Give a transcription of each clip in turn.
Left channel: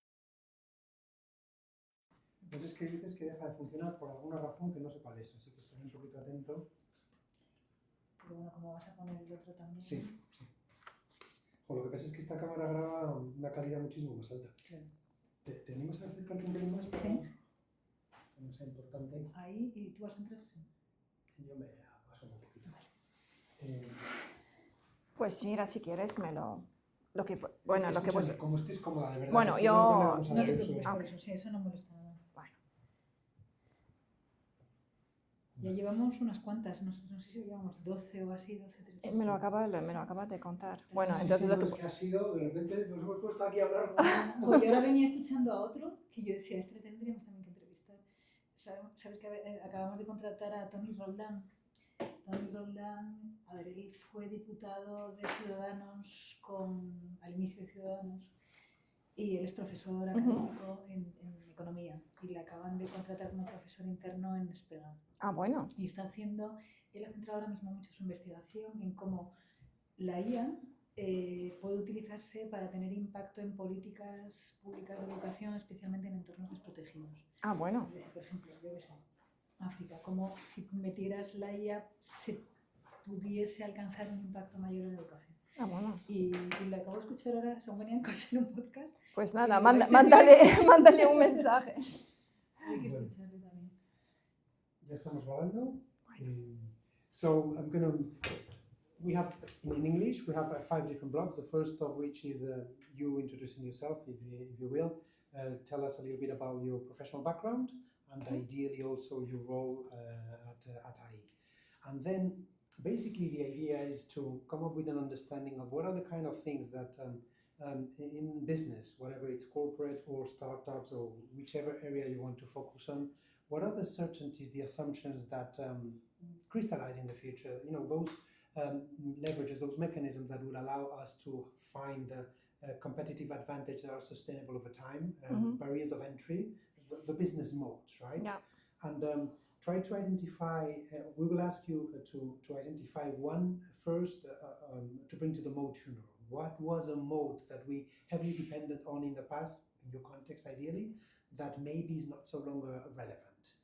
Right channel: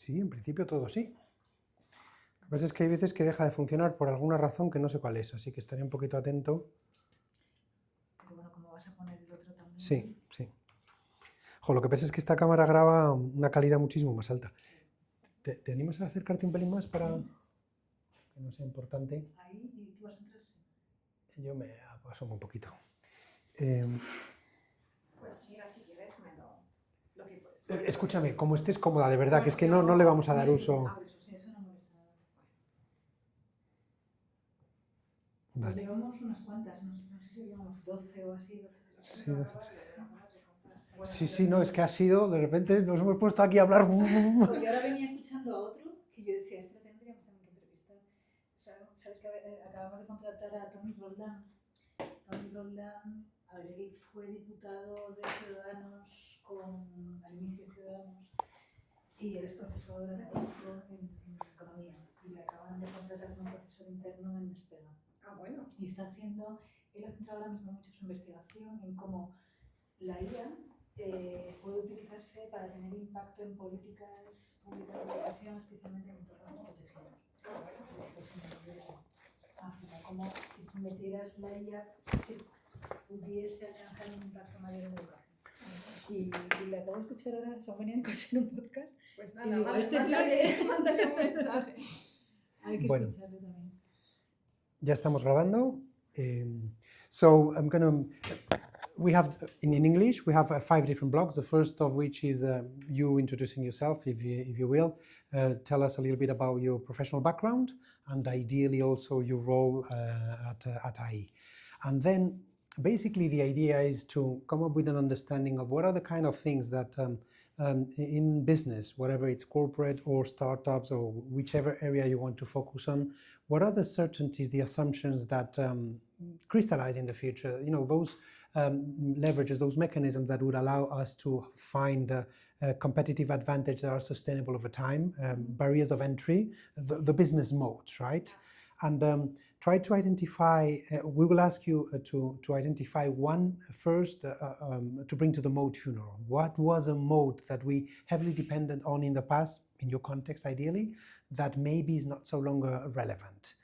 Sí, en principio todo sí. Lo que pasa es que hay veces que deja de funcionar por alguna razón que no sé cuál es, así que estaré un poquito atento. Pero bueno, como vas a poner el otro también. Sí, sí. Jo, lo que pasa es que esta cámara graba una calidad muchísimo más alta. Claro. ¿Te animas a acercarte un pelín más para que no sea importante? Ahí, y tú vas a entrar, sí. Yo me asomo un poquito. Pues mira, si quieres me lo que bueno, lo que Escúchame, vos- como estés cómoda, de verdad, Bueno, que es que no le vamos a dar Mira, uso. por eso, sí, eso no molesta nada. Bueno, Vale. Llevamos unas cuantas, no sé si llevamos 12 o así, 12, 13. me lo acabas de contar. Bueno, Sí, entonces sí, lo no, que- es que ha sido, de repente nos hemos puesto aquí a hablar. Yo ahora venía escuchando a otro que yo decía, este le tendríamos también que entrevistar. Sabes que acabamos de contratar a Tony Roldán. Tony Roldán, a ver, él fue diputado de Ciudadanos al inicio de Ciudadanos y él es profesor académico en economía y le acaban de contratar como profesor interno en Spega. bueno. Y él ha centrado ahora mismo mucho su investigación en cómo la IA puede utilizarse para tener impacto en políticas públicas de educación, especialmente en entornos desprotegidos. Bueno. Por ejemplo, yo qué sé, África, como si metieras la IA, se pudiese alcanzar un impacto mayor en la educación. Bueno. Y le acabo de escuchar ahora, son venían en un podcast. Pues nada, Y mándale un mensaje. Hay que Bueno. escucharle también. Ya estamos grabando. So we have, in English, we have 5 different blogs. The first of which is you introducing yourself, if you will. Tell us a little bit about your professional background and ideally also your role at IE. And then basically the idea is to come up with an understanding of what are the kind of things that in business, whatever it's corporate or startups or whichever area you want to focus on, what are the certainties, the assumptions that crystallize in the future? You know, those leverages, those mechanisms that would allow us to find competitive advantage that are sustainable over time, barriers of entry, the business modes, right? Yeah. And try to identify, we will ask you to identify one first to bring to the mode funeral. What was a mode that we heavily depended on in the past, in your context ideally, that maybe is not so longer relevant?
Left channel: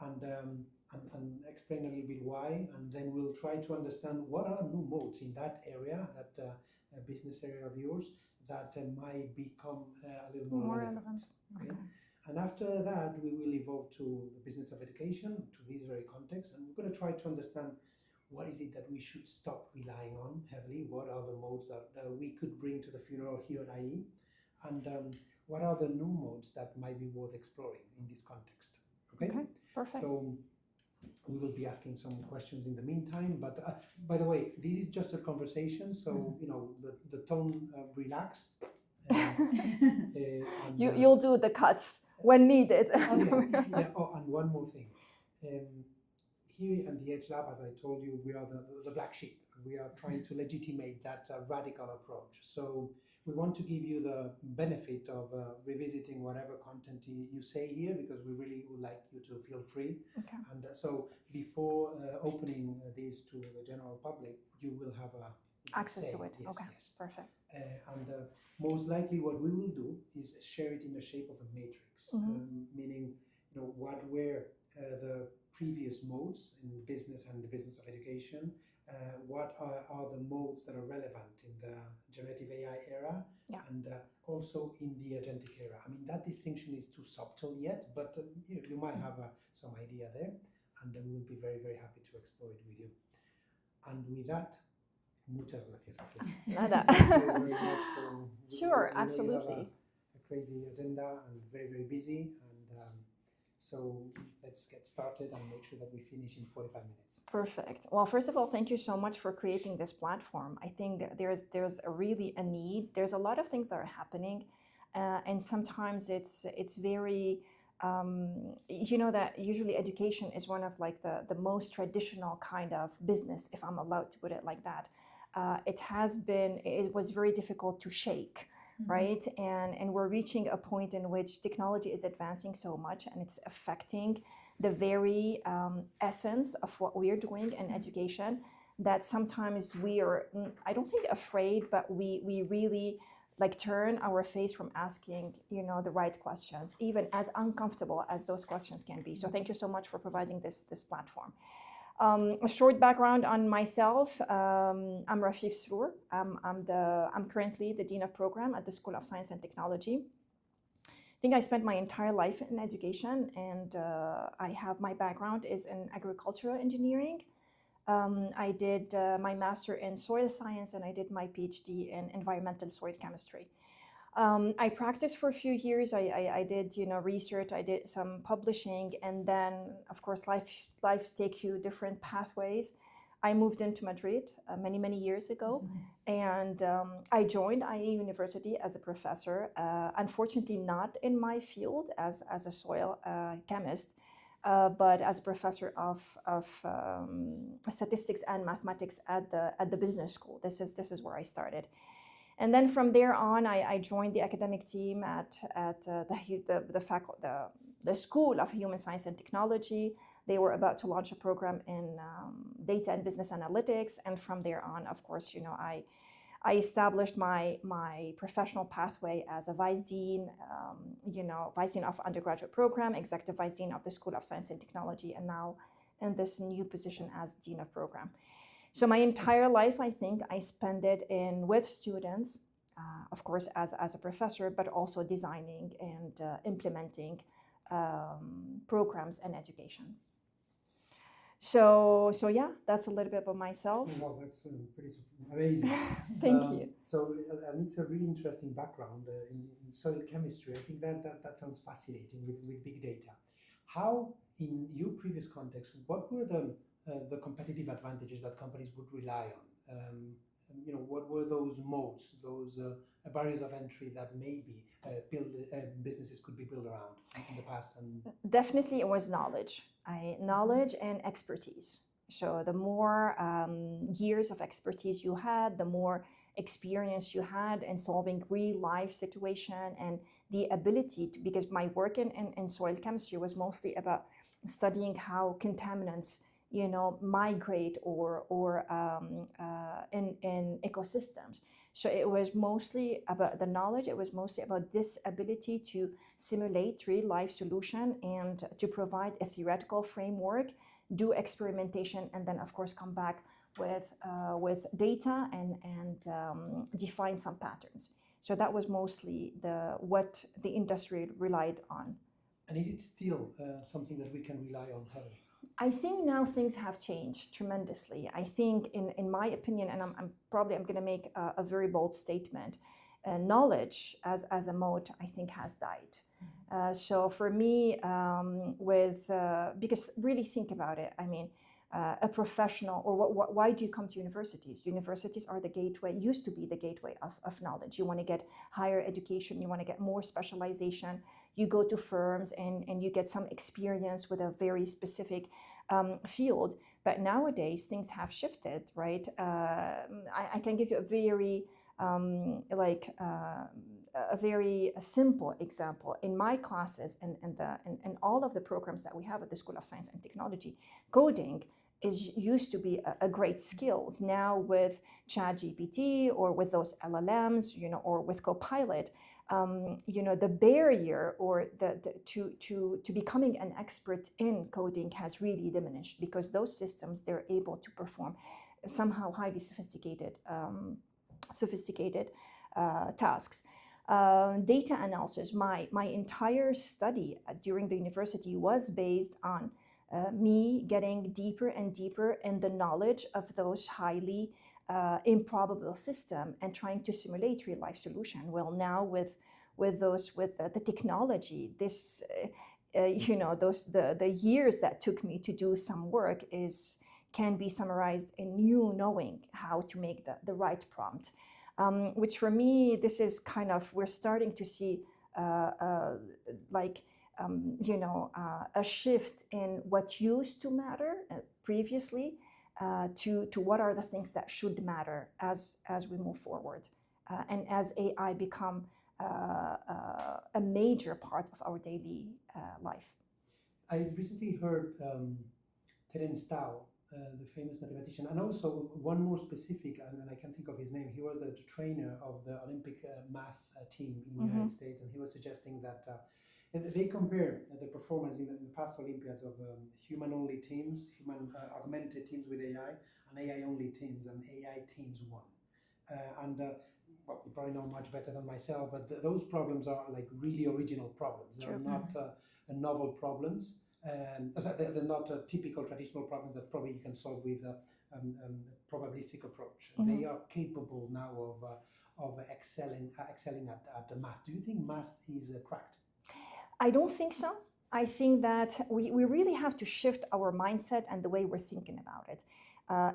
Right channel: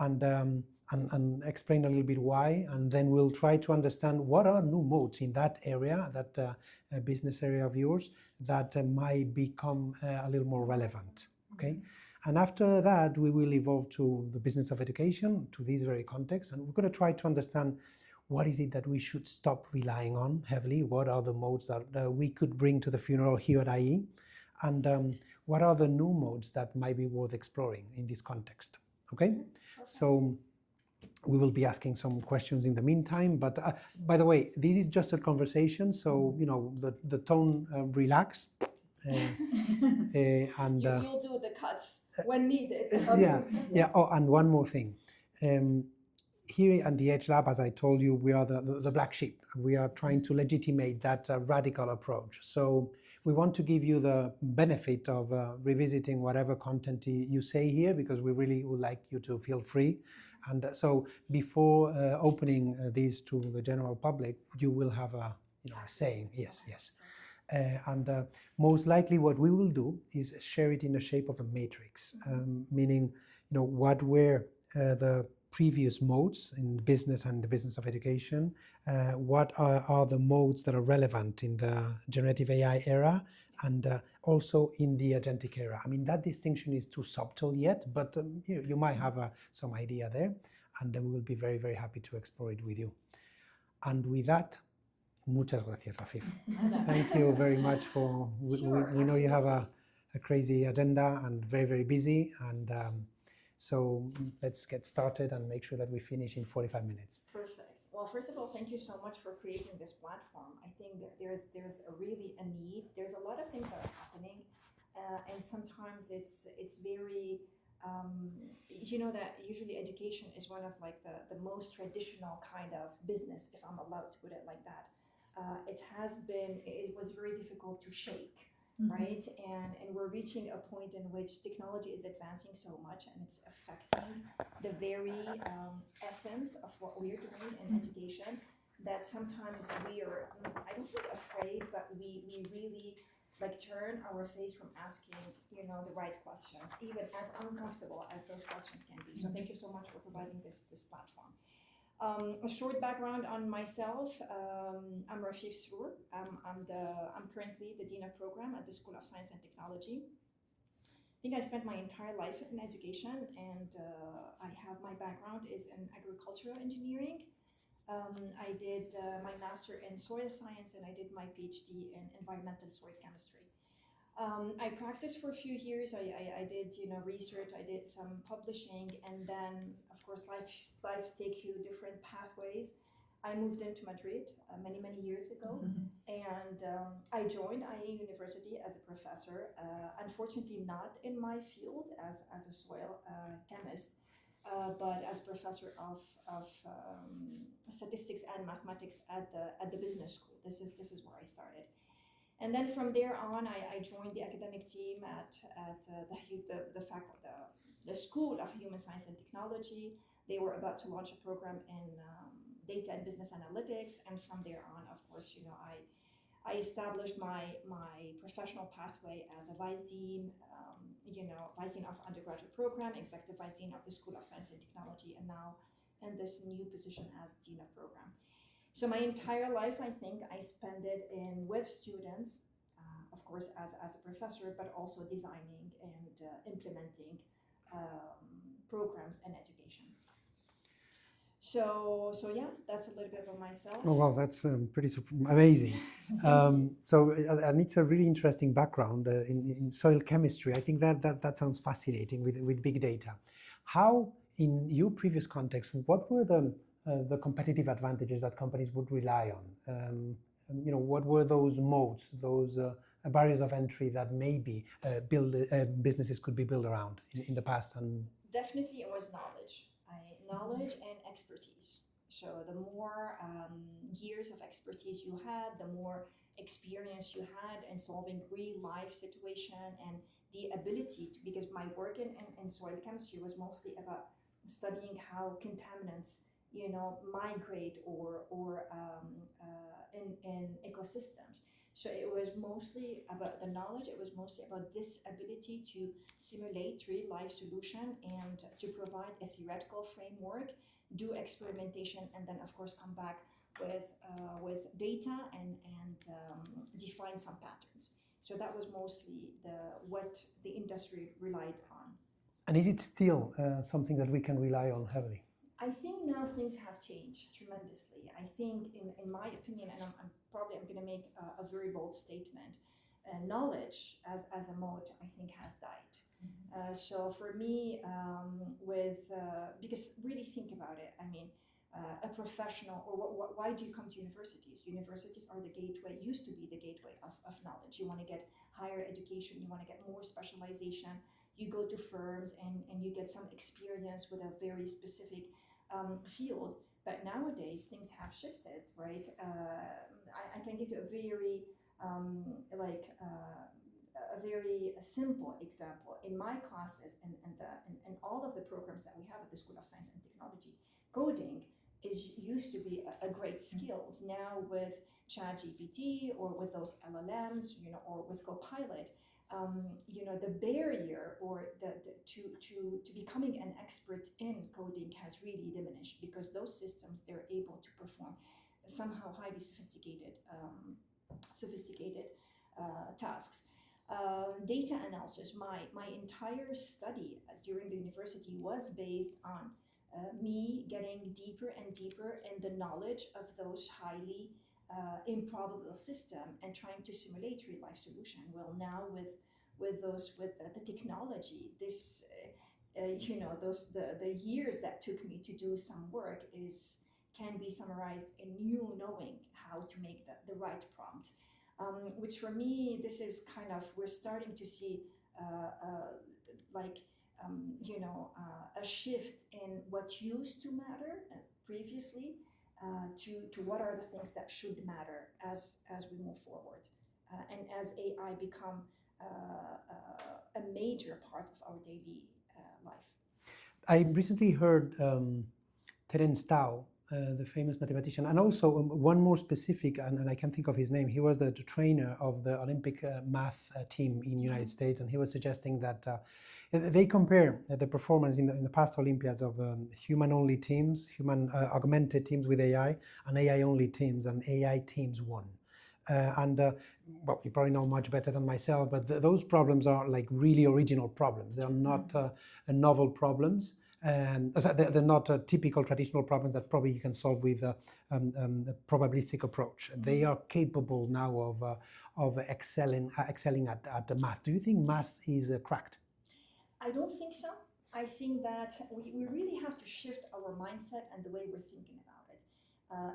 And explain a little bit why, and then we'll try to understand what are new modes in that area, that business area of yours, that might become a little more relevant. Okay? And after that, we will evolve to the business of education, to this very context, and we're going to try to understand what is it that we should stop relying on heavily, what are the modes that we could bring to the funeral here at IE, and what are the new modes that might be worth exploring in this context. Okay? Perfect. So we will be asking some questions in the meantime, but by the way, this is just a conversation, so you know, the tone relax. And You'll do the cuts when needed. yeah. Oh, and one more thing. Here at the Edge Lab, as I told you, we are the black sheep. We are trying to legitimate that radical approach. So we want to give you the benefit of revisiting whatever content you say here, because we really would like you to feel free. Okay. And so before opening this to the general public, you will have a access say. to it. Yes, okay. yes. Perfect. And most likely what we will do is share it in the shape of a matrix, meaning, you know, what were the previous modes in business and the business of education, what are the modes that are relevant in the generative AI era, and also in the agentic era. I mean, that distinction is too subtle yet, but you might have some idea there, and then we will be very, very happy to explore it with you. And with that, muchas gracias, Rafi. Nada. Thank you very much for. Sure, we know you have absolutely. a crazy agenda and very, very busy, and so let's get started and make sure that we finish in 45 minutes. Perfect. Well, first of all, thank you so much for creating this platform. I think there's really a need. There's a lot of things that are happening, and sometimes it's very. You know that usually education is one of like the most traditional kind of business, if I'm allowed to put it like that. It was very difficult to shake, right? And we're reaching a point in which technology is advancing so much and it's affecting the very essence of what we're doing in education, that sometimes we are, I don't think afraid, but we really like turn our face from asking, you know, the right questions, even as uncomfortable as those questions can be. So thank you so much for providing this platform. A short background on myself. I'm Rafif Srour. I'm currently the Dean of Program at the School of Science and Technology. I think I spent my entire life in education, and my background is in agricultural engineering. I did my master in soil science, and I did my PhD in environmental soil chemistry. I practiced for a few years. I did, you know, research. I did some publishing, and then, of course, life takes you different pathways. I moved into Madrid many years ago, and I joined IE University as a professor. Unfortunately, not in my field as a soil chemist, but as a professor of statistics and mathematics at the business school. This is where I started. And then from there on, I joined the academic team at the School of Human Science and Technology. They were about to launch a program in data and business analytics. And from there on, of course, you know, I established my professional pathway as a vice dean, vice dean of undergraduate program, executive vice dean of the School of Science and Technology, and now in this new position as dean of program. So my entire life, I think, I spend it with students, of course, as a professor, but also designing and implementing programs and education. So yeah, that's a little bit about myself. Oh, wow, that's pretty amazing. Thank you. So, and it's a really interesting background in soil chemistry. I think that sounds fascinating with big data. How, in your previous context, what were the competitive advantages that companies would rely on? What were those moats, those barriers of entry that maybe businesses could be built around in the past? And definitely, it was knowledge. Knowledge and expertise. So the more years of expertise you had, the more experience you had in solving real life situation, and the ability to, because my work in soil chemistry was mostly about studying how contaminants, you know, migrate or in ecosystems. So it was mostly about the knowledge. It was mostly about this ability to simulate real life solution and to provide a theoretical framework, do experimentation, and then of course come back with data and define some patterns. So that was mostly what the industry relied on. And is it still something that we can rely on heavily? I think now things have changed tremendously. I think, in my opinion, and I'm going to make a very bold statement, knowledge as a moat, I think, has died. So for me, because really think about it, I mean, a professional, or why do you come to universities? Universities are the gateway, used to be the gateway of knowledge. You want to get higher education, you want to get more specialization, you go to firms and you get some experience with a very specific field. But nowadays things have shifted, right? I can give you a very a very simple example. In my classes and all of the programs that we have at the School of Science and Technology, coding used to be a great skills. Now with ChatGPT or with those LLMs, you know, or with Copilot, you know, the barrier or to becoming an expert in coding has really diminished, because those systems, they're able to perform somehow highly sophisticated tasks. Data analysis, my entire study during the university was based on me getting deeper and deeper in the knowledge of those highly improbable system and trying to simulate real life solution. Well, now with the technology, this you know, the years that took me to do some work can be summarized in you knowing how to make the right prompt. Which for me, this is kind of, we're starting to see you know, a shift in what used to matter previously to what are the things that should matter as we move forward, and as AI become a major part of our daily life. I recently heard Terence Tao the famous mathematician, and also one more specific, and I can't think of his name. He was the trainer of the Olympic math team in the United States, and he was suggesting that they compare the performance in the past Olympiads of human-only teams, human augmented teams with AI, and AI-only teams, and AI teams won. Well, you probably know much better than myself, but those problems are like really original problems. They're not novel problems. And they're not typical traditional problems that probably you can solve with a probabilistic approach. They are capable now of excelling at the math. Do you think math is cracked? I don't think so. I think that we really have to shift our mindset and the way we're thinking about it.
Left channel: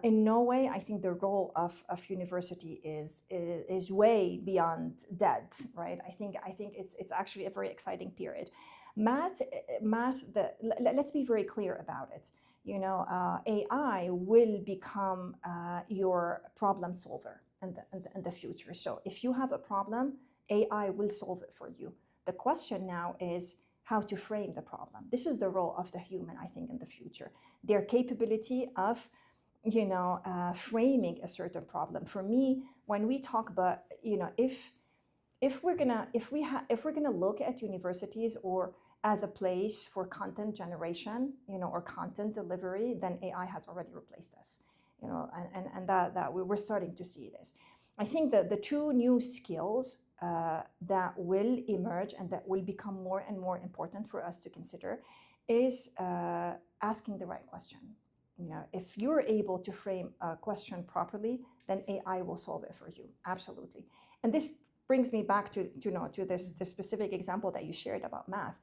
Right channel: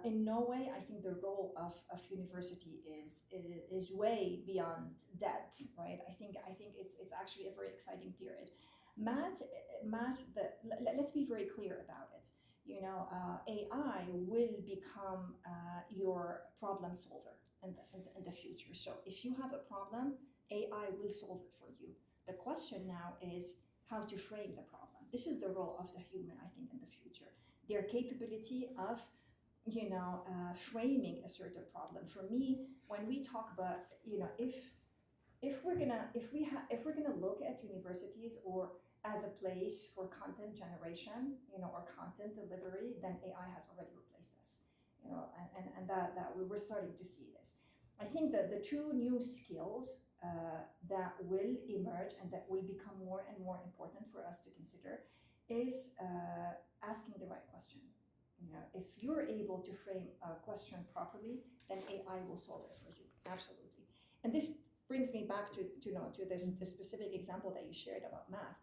In no way, I think the role of university is way beyond dead, right? I think it's actually a very exciting period. Math. Let's be very clear about it. You know, AI will become your problem solver in the future. So if you have a problem, AI will solve it for you. The question now is how to frame the problem. This is the role of the human, I think, in the future. Their capability of, you know, framing a certain problem. For me, when we talk about, you know, if we're gonna look at universities or as a place for content generation, you know, or content delivery, then AI has already replaced us, you know, and that we're starting to see this. I think that the two new skills that will emerge and that will become more and more important for us to consider is asking the right question. You know, if you're able to frame a question properly, then AI will solve it for you. Absolutely. And this brings me back to this specific example that you shared about math.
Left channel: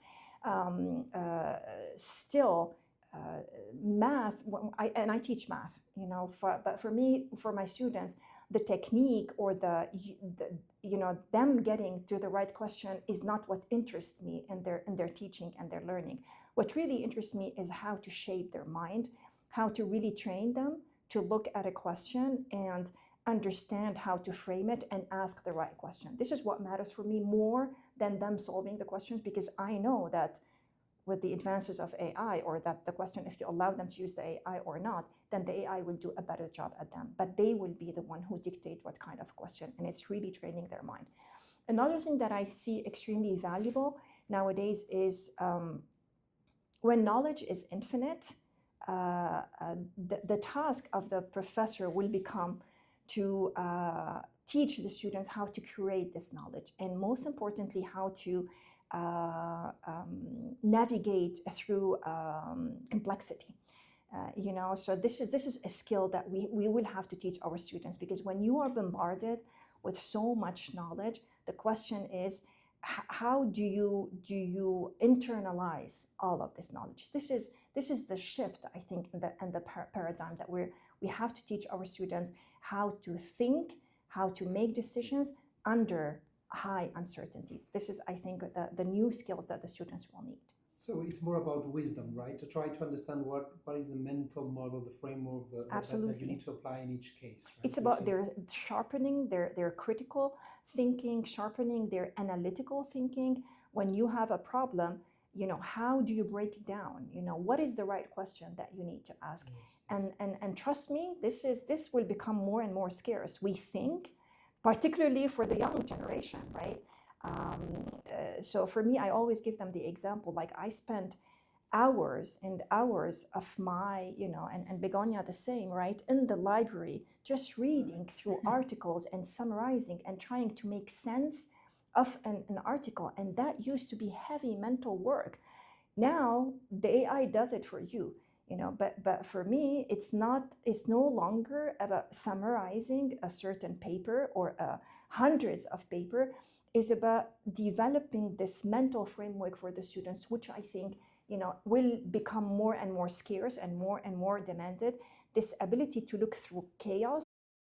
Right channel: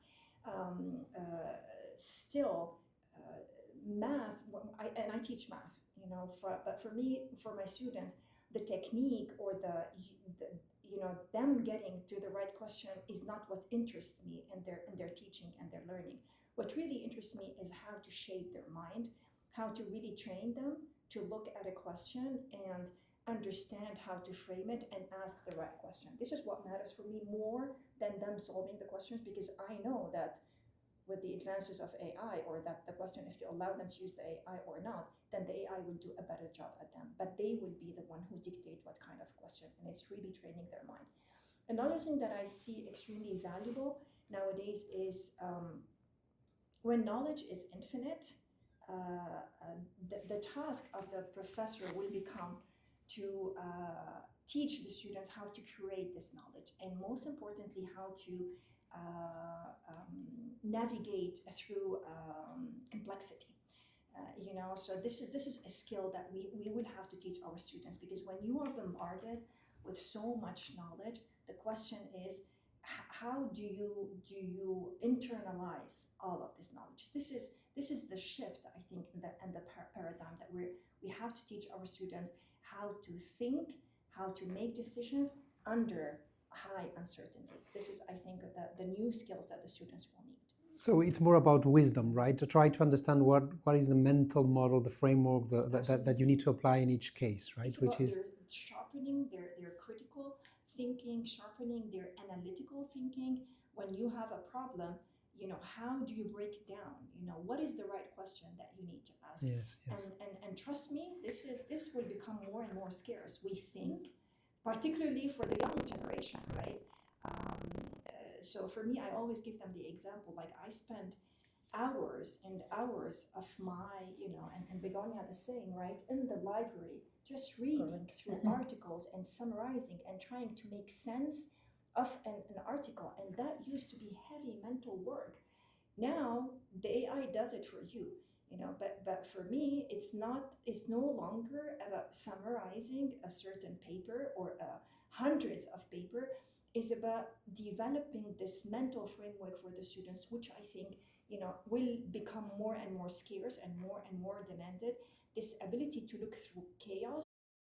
Math, I teach math, you know, but for me, for my students, the technique or the you know, them getting to the right question is not what interests me in their teaching and their learning. What really interests me is how to shape their mind, how to really train them to look at a question and understand how to frame it and ask the right question. This is what matters for me more than them solving the questions, because I know that with the advances of AI, or that the question, if you allow them to use the AI or not, then the AI will do a better job at them. But they will be the one who dictate what kind of question, and it's really training their mind. Another thing that I see extremely valuable nowadays is when knowledge is infinite, the task of the professor will become to teach the students how to create this knowledge, and most importantly, how to navigate through complexity. You know, so this is a skill that we will have to teach our students, because when you are bombarded with so much knowledge, the question is, how do you internalize all of this knowledge? This is the shift, I think, in the paradigm that we have to teach our students how to think, how to make decisions under high uncertainties. This is, I think, the new skills that the students will need. So it's more about wisdom, right? To try to understand what is the mental model, the framework that you need to apply in each case, right? It's about their sharpening their critical thinking, sharpening their analytical thinking. When you have a problem, you know, how do you break it down? You know, what is the right question that you need to ask? Yes. And trust me, this will become more and more scarce. We think, particularly for the young generation, right? So for me, I always give them the example, like I spent hours and hours of my, you know, and Begonia the same, right, in the library, just reading through articles and summarizing and trying to make sense of an article. And that used to be heavy mental work. Now the AI does it for you, you know, but for me, it's no longer about summarizing a certain paper or hundreds of paper. Is about developing this mental framework for the students, which I think, you know, will become more and more scarce and more demanded. This ability to look through chaos